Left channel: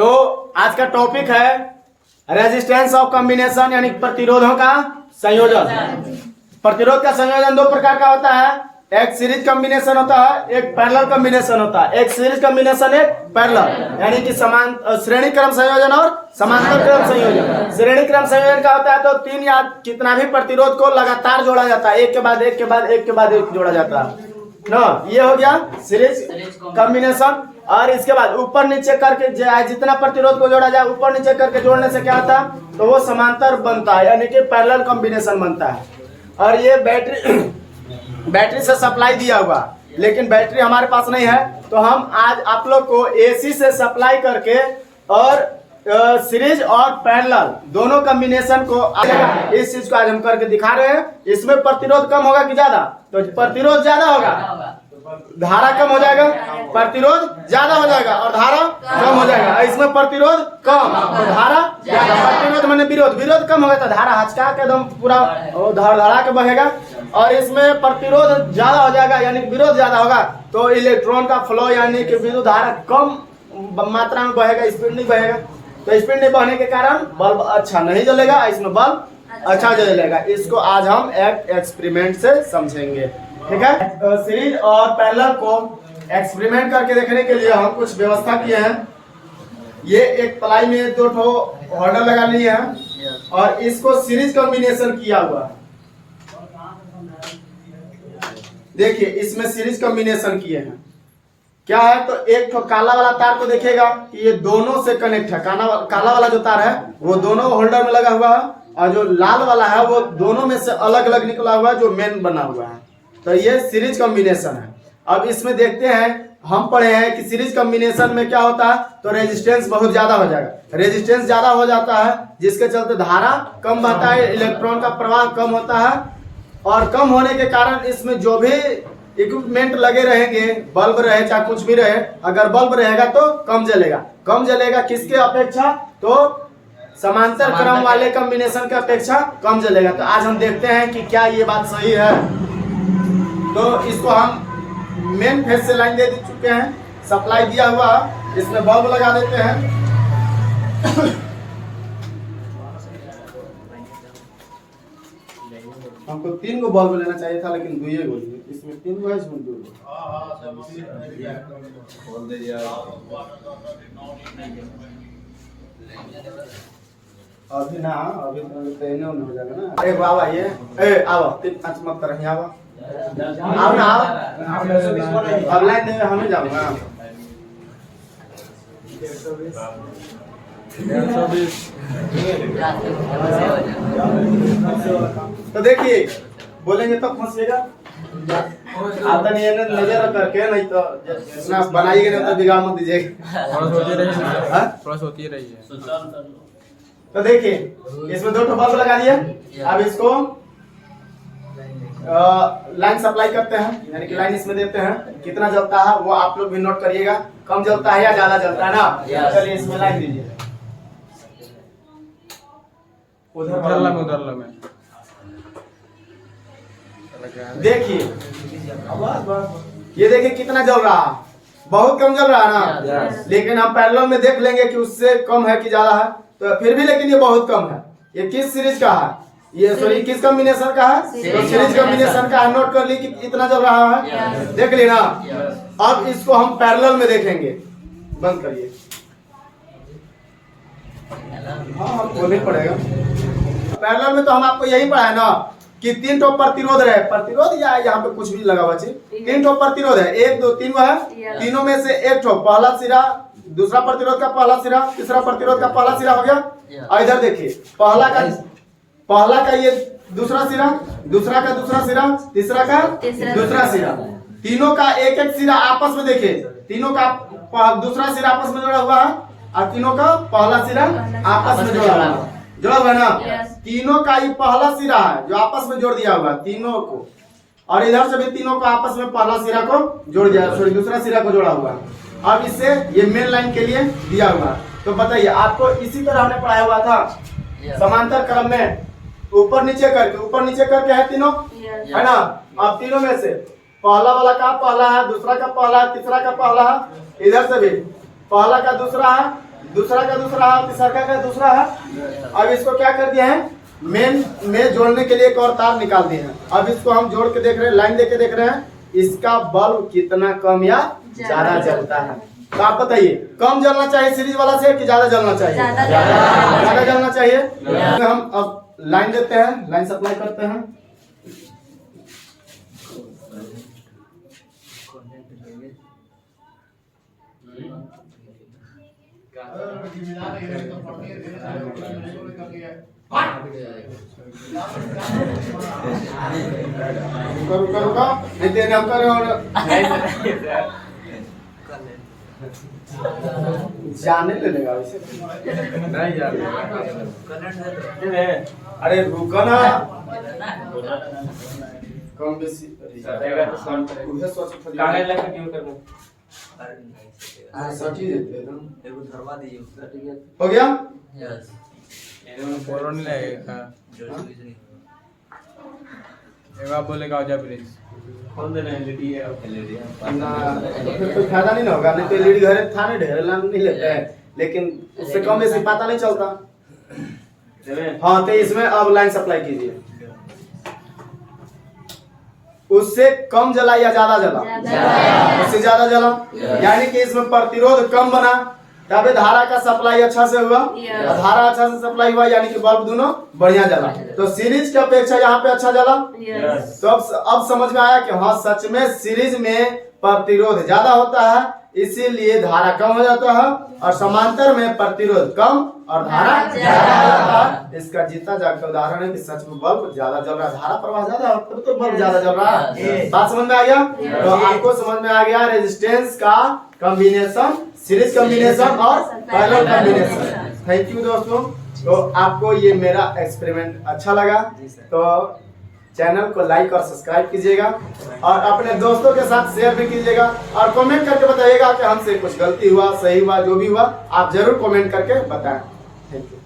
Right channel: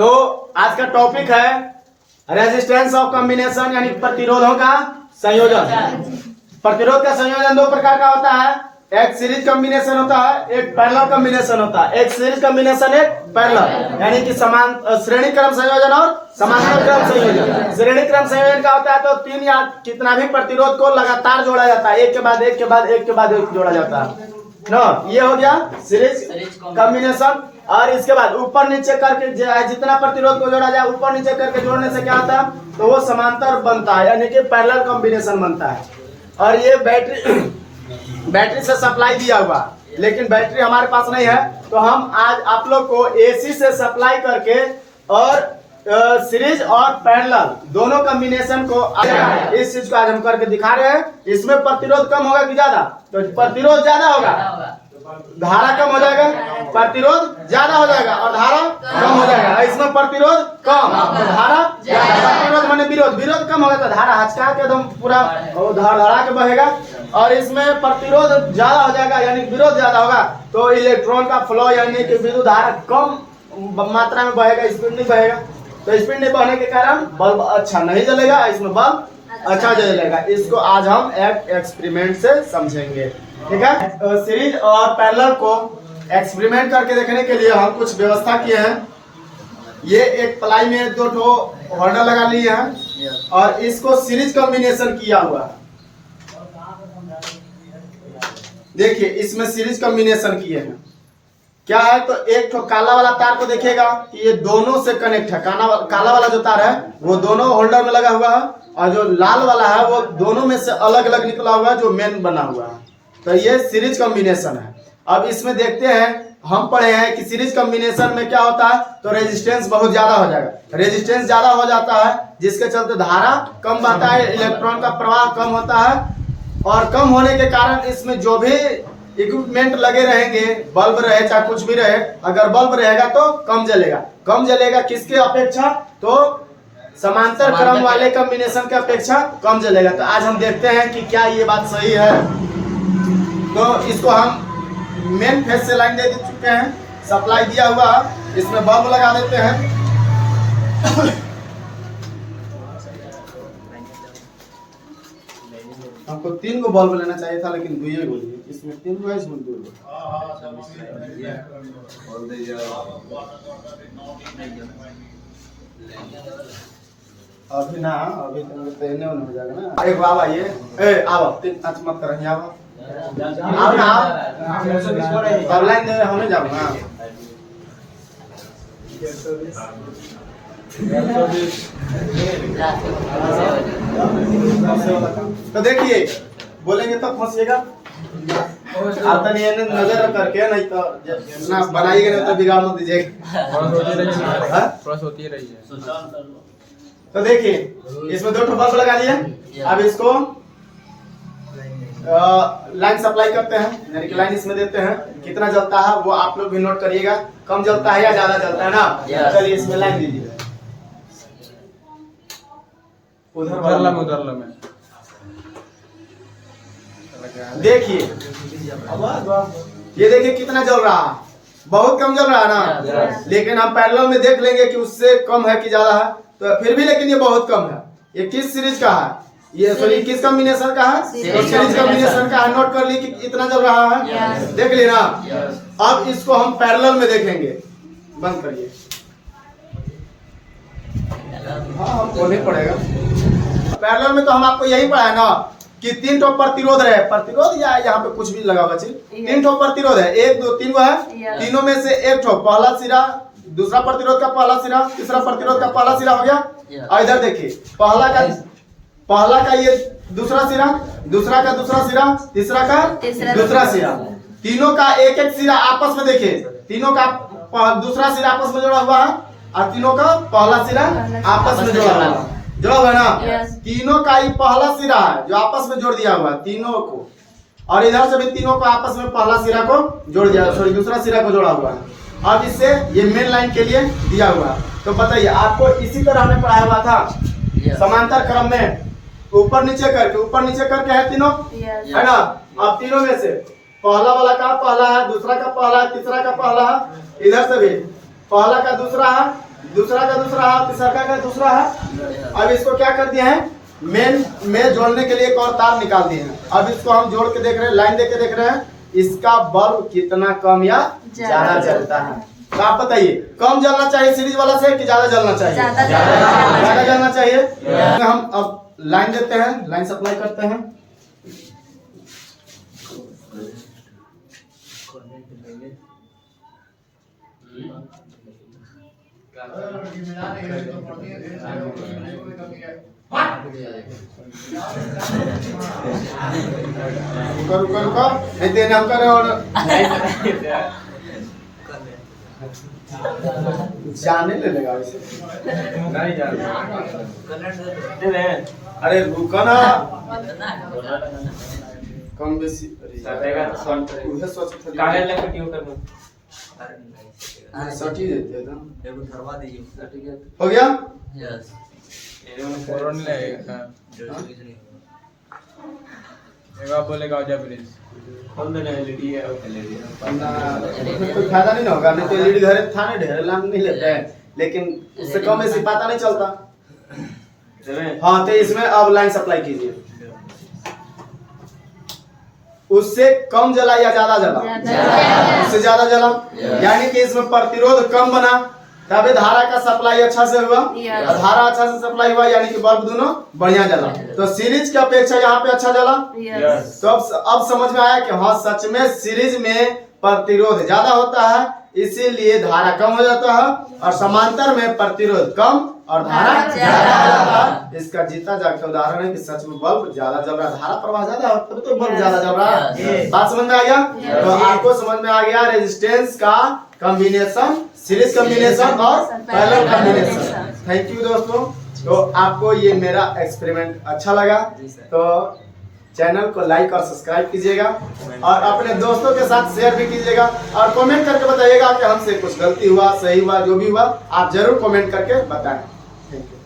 तो आज का टॉपिक है रेजिस्टेंस ऑफ कॉम्बिनेशन, यानी प्रतिरोधों का संयोजन। प्रतिरोध का संयोजन दो प्रकार का होता है, एक सीरीज कॉम्बिनेशन होता है, एक पैरेलल कॉम्बिनेशन होता है। एक सीरीज कॉम्बिनेशन, एक पैरेलल, यानी कि समान श्रेणी क्रम संयोजन और समांतर क्रम संयोजन। श्रेणी क्रम संयोजन का होता है तो तीन या कितना भी प्रतिरोध को लगातार जोड़ा जाता है, एक के बाद एक के बाद एक के बाद एक जोड़ा जाता है ना। ये हो गया सीरीज कॉम्बिनेशन। और इसके बाद ऊपर नीचे करके जितना प्रतिरोध को जोड़ा जाए ऊपर नीचे करके जोड़ने से क्या होता है, तो वो समांतर बनता है, यानी कि पैरेलल कॉम्बिनेशन बनता है। और ये बैटरी से सप्लाई दिया हुआ, लेकिन बैटरी हमारे पास नहीं है, तो हम आज आप लोग को एसी से सप्लाई करके और सीरीज और पैरेलल दोनों कॉम्बिनेशन को इस चीज को आज हम करके दिखा रहे हैं। इसमें प्रतिरोध कम होगा कि ज्यादा? तो प्रतिरोध ज्यादा होगा, धारा कम हो जाएगा, प्रतिरोध ज्यादा हो जाएगा और धारा कम हो जाएगा। इसमें प्रतिरोध कम तो धारा ज्यादा। प्रतिरोध माने विरोध, विरोध कम होगा तो धारा हचका के एकदम पूरा धड़ा के बहेगा। और इसमें प्रतिरोध ज्यादा हो जाएगा यानी विरोध ज्यादा होगा तो इलेक्ट्रॉन का फ्लो यानी कि विद्युत धारा कम मात्रा में बहेगा, स्पीड नहीं बहेगा। तो स्पीड नहीं बहने के कारण बल्ब अच्छा नहीं जलेगा, इसमें बल्ब अच्छा जलेगा। इसको आज हम एक एक्सपेरिमेंट से समझेंगे, ठीक है। सीरीज और पैरेलल को एक्सपेरिमेंट करके देखने के लिए हम कुछ व्यवस्था किए हैं। ये एक प्लाई में दो ठो होल्डर लगा लिए हैं और इसको सीरीज कॉम्बिनेशन किया हुआ है। देखिए इसमें सीरीज कॉम्बिनेशन किए हैं। क्या है तो एक तो काला वाला तार को देखिएगा कि ये दोनों से कनेक्ट है। काला वाला जो तार है वो दोनों होल्डर में लगा हुआ है और जो लाल वाला है वो दोनों में से अलग अलग निकला हुआ है जो मेन बना हुआ है। तो ये सीरीज कॉम्बिनेशन है। अब इसमें देखते हैं, हम पढ़े हैं कि सीरीज कॉम्बिनेशन में क्या होता है तो रेजिस्टेंस बहुत ज्यादा हो जाएगा। रेजिस्टेंस ज्यादा हो जाता है जिसके चलते धारा कम बहता है, इलेक्ट्रॉन का प्रवाह कम होता है। और कम होने के कारण इसमें जो भी इक्विपमेंट लगे रहेंगे, बल्ब रहे चाहे कुछ भी रहे, अगर बल्ब रहेगा तो कम जलेगा। कम जलेगा किसके अपेक्षा? तो समांतर क्रम वाले कॉम्बिनेशन के अपेक्षा कम जलेगा। तो आज हम देखते हैं कि क्या ये बात सही है। तो इसको हम मेन फेज से लाइन दे चुके हैं, सप्लाई दिया हुआ, इसमें बल्ब लगा देते हैं। हमको 3 गो बल्ब लेना चाहिए था लेकिन 2 गो लिए। इसमें 3 गो है, इसमें 2 गो। अभी ना, अभी तो एने ओने हो जाएगा ना। एक बाबा ये ए आओ 3-5 मत कर, यहाँ आओ ना आओ। अब लाइन दे, हमें जाऊंगा। तो देखिए बोलेंगे तब फंसिएगा। आप तो नहीं नजर करके, नहीं तो ना बनाइएगा नहीं तो बिगाड़ मत दीजिएगा। होती रही है। तो देखिए इसमें 2 बल्ब लगा दिए। अब इसको लाइन सप्लाई करते हैं, यानी कि लाइन इसमें देते हैं। कितना जलता है वो आप लोग भी नोट करिएगा, कम जलता है या ज्यादा जलता है ना। चलिए इसमें लाइन दीजिए। उधर में देखिए, ये देखिए कितना जल रहा है, बहुत कम जल रहा है ना। लेकिन हम पैरेलल में देख लेंगे कि उससे कम है कि ज्यादा है, तो फिर भी लेकिन ये बहुत कम है। ये किस सीरीज का है? ये सॉरी किस कॉम्बिनेशन का है? सीरीज कॉम्बिनेशन का है। नोट कर ली कि इतना चल रहा है, देख ली ना। अब इसको हम पैरेलल में देखेंगे। बंद करिए, हाँ बोलना पड़ेगा। पैरेलल में तो हम आपको यही पढ़ाया ना कि 3 ठो प्रतिरोध रहे, प्रतिरोध या यहाँ पे कुछ भी लगा हुआ चीज। 3 ठो प्रतिरोध है, 1 2 3 है। तीनों में से एक ठो पहला सिरा, दूसरा प्रतिरोध का पहला सिरा, तीसरा प्रतिरोध का पहला सिरा हो गया। और इधर देखिए पहला का ये दूसरा सिरा, दूसरा का दूसरा सिरा, तीसरा का दूसरा सिरा। तीनों का एक एक सिरा आपस में देखिए, तीनों का दूसरा सिरा आपस में जुड़ा हुआ है और तीनों का पहला सिरा आपस में जुड़ा हुआ है। जुड़ा हुआ है ना। तीनों का ये पहला सिरा है जो आपस में जोड़ दिया हुआ है तीनों को, और इधर से भी तीनों को आपस में पहला सिरा को जोड़ दिया, सॉरी दूसरा सिरा को जोड़ा हुआ है। अब इससे ये मेन लाइन के लिए दिया हुआ। तो बताइए, आपको इसी तरह हमने पढ़ाया हुआ था समांतर क्रम में, ऊपर नीचे करके है तीनों, है ना। अब तीनों में से पहला वाला का पहला है, दूसरा का पहला है, तीसरा का पहला है, इधर से भी पहला का दूसरा है, दूसरा का दूसरा है, तीसरा का दूसरा है। अब इसको क्या कर दिया है, मेन में जोड़ने के लिए एक और तार निकाल दिए हैं। अब इसको हम जोड़ के देख रहे हैं, लाइन देके देख रहे हैं इसका बल्ब कितना कम या ज्यादा जलता है। तो आप बताइए कम जलना चाहिए सीरीज वाला से कि ज्यादा जलना चाहिए? ज्यादा जलना चाहिए। हम अब लाइन देते हैं, लाइन सप्लाई करते हैं। रुका रुका नहीं देने हम करे और जाने ले लेगा वैसे नहीं जाने। अरे रुका ना कम बेसी काहे लगा क्यों कर दो सटी देते ना एगो धरवा दीजिए। हो गया। यस फोरन लगेगा एवा बोलेगा जा प्लीज खोल देना एलईडी है और एलईडी ना कोई फायदा नहीं ना होगा, नहीं तो एलईडी घर था नहीं ढेर लाम नहीं लेते हैं, लेकिन उससे कम बेसी पता नहीं चलता। हाँ तो इसमें अब लाइन सप्लाई कीजिए। उससे कम जला या ज्यादा जला? उससे ज्यादा जला, यानी कि इसमें प्रतिरोध कम बना तभी धारा का सप्लाई अच्छा से हुआ। धारा अच्छा से सप्लाई हुआ यानी कि बल्ब दोनों बढ़िया जला। तो सीरीज की अपेक्षा यहाँ पे अच्छा जला। तो अब समझ में आया कि हाँ सच में सीरीज में प्रतिरोध ज्यादा होता है, इसीलिए धारा कम हो जाता है, और समांतर में प्रतिरोध कम और धारा ज्यादा हो जाता है। इसका जीता जागता उदाहरण है कि सच में बल्ब ज्यादा जल रहा है, धारा प्रवाह ज्यादा है तब तो बल्ब ज्यादा जल रहा है। बात समझ में आ गया? तो आपको समझ में आ गया रेजिस्टेंस का कॉम्बिनेशन, सीरीज कॉम्बिनेशन और पैरेलल कॉम्बिनेशन। थैंक यू दोस्तों। तो आपको ये मेरा एक्सपेरिमेंट अच्छा लगा तो चैनल को लाइक और सब्सक्राइब कीजिएगा और अपने दोस्तों के साथ शेयर भी कीजिएगा और कमेंट करके बताइएगा कि हमसे कुछ गलती हुआ, सही हुआ, जो भी हुआ आप जरूर कमेंट करके बताएं। Thank you.